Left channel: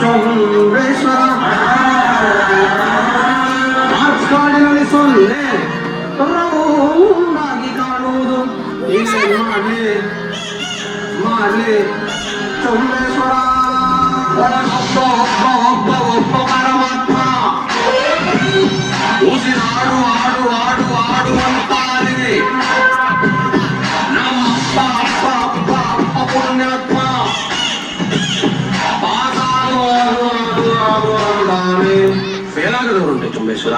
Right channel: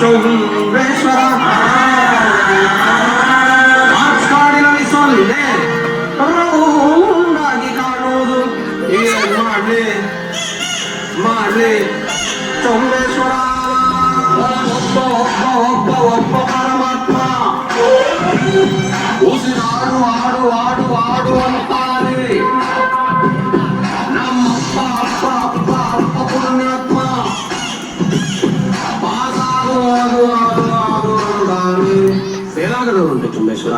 ಚೌಡೇಶ್ವರ ಕಾಡಿನಲ್ಲಿ ಸೊನ್ನೆ ರೌಂಡಾಗಿ ಕಾಣುವುದು ಏನ್ ಮಾಡ್ಲಿ ಚೌಡೇಶ್ವರ ಒಬ್ಬ ಪರಮಾತ್ಮ ಉಸಿರಾಡು ಆಡು ಆಡು ಆಡು ಅಂತಾನೆ ನಮ್ಮಪ್ಪ ಅಪ್ಪ ಅಪ್ಪ ಅಪ್ಪ ಪುಣ್ಯಾತ್ಮ ಫೇಲ್ ಆಗದವರುಂಟೆ ಚುಂಬೇಶ್ವರ.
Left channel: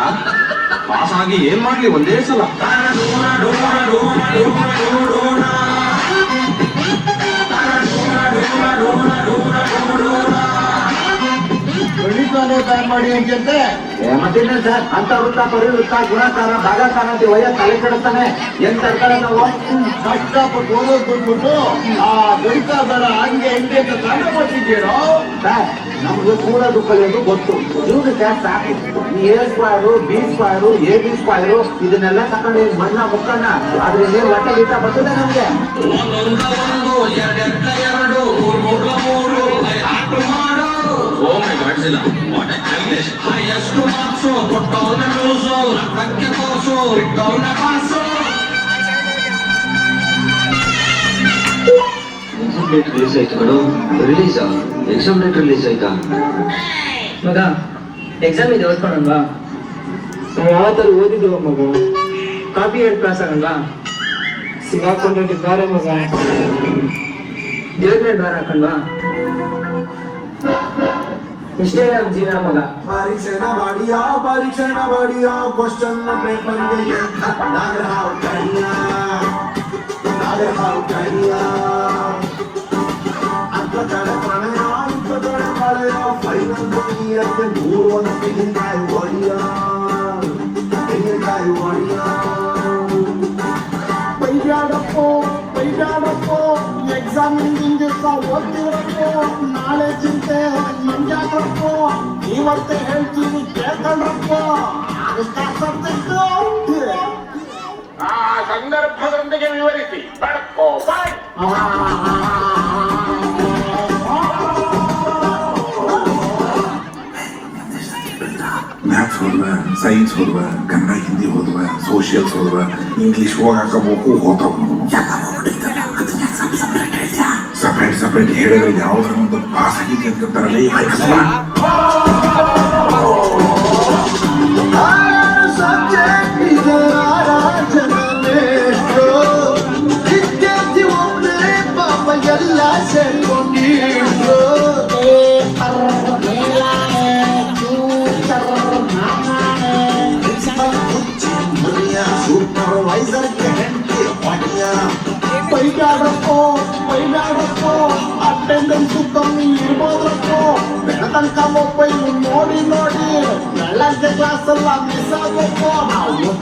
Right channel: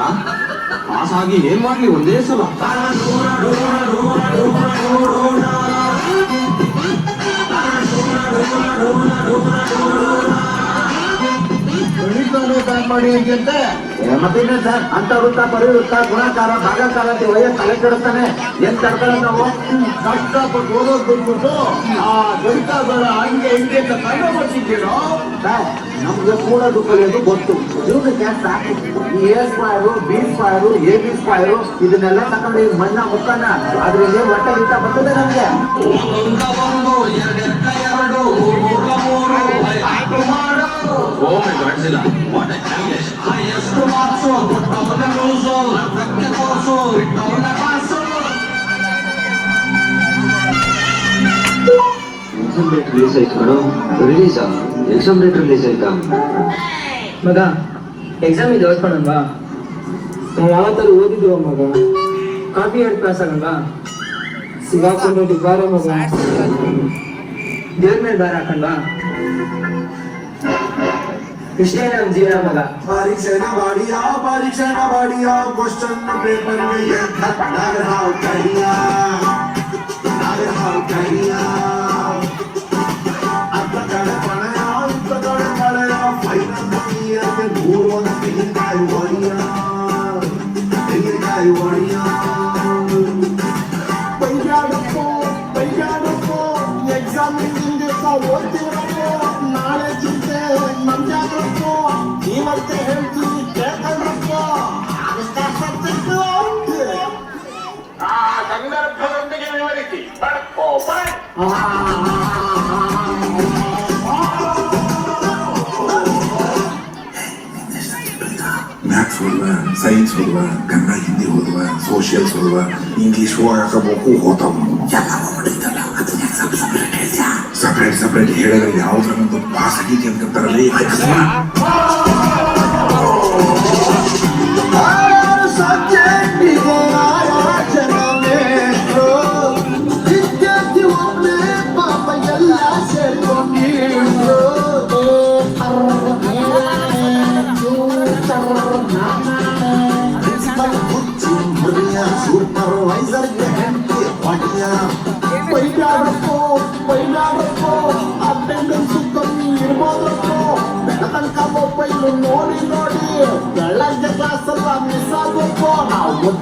ಪಾಸ್ ಆಗಿ ಏನ್ ಮಾಡ್ಲಿ ಒಂದೇ ಸಲ. ಮಾಡಿ ಅಂತ ಮತ್ತಿನ್ನ ಸರ್ ಅಂತ ವೃತ್ತ ಪರಿವೃತ್ತ ಗುಣಕಾರ ಭಾಗಕಾರ ವಯ ತಲೆ ಕೆಡುತ್ತಾನೆ ಏನ್ ತರ್ತಾರೆ ನಾವು ಕಷ್ಟಪಟ್ಟು ಓದೋದು ಬಂದ್ಬಿಟ್ಟು ಆ ಗಣಿತಗಳ ಹಂಗೆ ಹಿಂಗೆ ಅಂತ ಕಂಡು ಮಾಡ್ತಿದ್ದೀರೋ ನಮ್ಗೆ ಕೂಡೋದು ಕಲಿಯೋದು ಗೊತ್ತು ಇವ್ರಿಗೆ ಸಾಕು ಈ ಎ ಸ್ಕ್ವಾಯರು ಬಿ ಸ್ಕ್ವಾಯರು ಎ ಬಿ ಸ್ಕ್ವಾಯರು ಇದನ್ನೆಲ್ಲ ತಗೊಂಡು ಮಣ್ಣ ಗೊತ್ತಾನ ಅದ್ರಲ್ಲಿ ಒಟ್ಟ ಗೀತ ಬರ್ತದೆ ನಮ್ಗೆ. ಡೇಟ್ ರಿಲೀಸ್ ಆಯ್ತು ಮೇಡಮ್. ರಿಲೀಸಾ? ಎಕ್ಸಾಮ್ ಡೇಟ್ ರಿಲೀಸ್ ಆಯ್ತಾ? ಮಗ ಎಕ್ಸಾಮ್ ಇದೆ ಓದ್ಕೊಳಲ್ವಾ? ನಾವು ಯಾವತ್ತಾರು ಓದಿದ್ದೀವ ಮಗ? ಕಾಪಿ ಹೇಳಿ ಕ್ಲಾಸ್ ಆಗಲ್ವಾ? ಸಿಗಾಕೊಂಡಿದ್ದಾರೆ ಮಗ. ದೇವ್ರ ಮೇಲೆ ದಾರ ಹಾಕಲ್ವಾ? ಇಷ್ಟೇ ನಮ್ಮ ಜೀವನ ಮಗ. ಪರೀಕ್ಷೆನ ಮಾಡಿಯಾ ಕ್ವಶನ್ ಪೇಪರ್ಗೆ ಹಾವು ಕಡಿಯಾ ಅತ್ತ ಕಡೆ ಪಳೆಯ ಫೈನಲ್ ಮೂರು ಒಂದು ತೆಂಗಿನಕಾಯಿ ಹೊಡಿಯಾ ಬೈಗಾಡಪ್ಪೋ ಎಕ್ಸಾಮ್ ಹಿಂದಿನ ದಿವಸ ಓದ್ತಿರಪ್ಪೋ ನಾಳೆ ಚಿಂತೆ ಮಂಜಾಗ್ರಪ್ಪೋ ಇವತ್ತೇ ಹೇಳ್ತೀನಿ ಕೇಳ್ಕೊಂಡ್ರಪ್ಪೋ ಆ ಸಂದರ್ಭದೊಂದಿಗೆ ವಿವರಿಸಿ. ಮ್ಯಾಥ್ಸ್ ಓದುವ, ಸೈನ್ಸ್ ಓದುವ, ಕನ್ನಡ ಹಿಂದಿ ಓದುವ, ಸೋಷಿಯಲ್ಸ್ ಓದುವ, ಇಂಗ್ಲಿಷ್ ಹೋಗಬೇಕು ಸಪ್ರೇಟ್ ಹೇಳಿದ್ರೆ ಯಾವ್ದ್ರೊಂದು ಪಾಸ್ ಆಗಿದೆ ಅಂತ ತರಲೇ ಅಟೆಂಡೆನ್ಸ್ ಕಮ್ಮಿ ಇರ್ಬೋದಪ್ಪೋ ಬೆಳತನಕ ಮೊಬೈಲ್ ನೋಡಿ ಬೆಳಗ್ಗೆ ಕ್ಲಾಸ್ ಎಲ್ಲ ಮಿಸ್ ಆಗಬೇಕು ನಾವು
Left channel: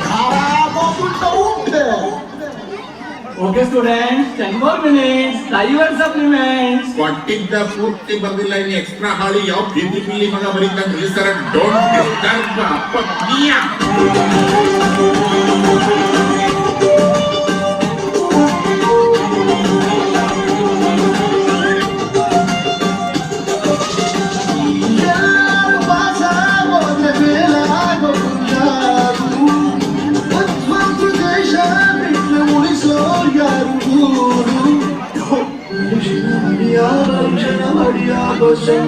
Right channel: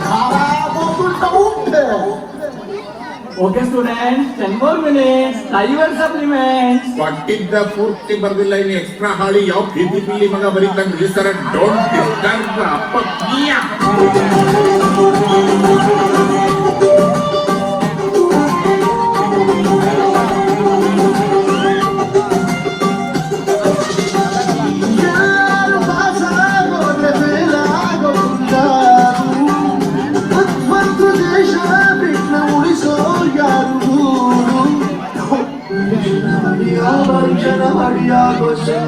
okay students 10 more minutes. Your supplements. ಕೊಟ್ಟಿದ್ದ ಪೂರ್ತಿ ಬಂದಿಲ್ಲ, ಇನ್ನು ಎಕ್ಸ್ಟ್ರಾ ಹಾಳಿ ಯಾವ ಬಿಲ್ಲಿ ಮಗ ಬರೀತಾನೆ ಸರ್. ಡೋಂಟ್ ಡಿಸ್ಟರ್ಬ್ ಅಪ್ಪ ಮಿಯಾ. Question,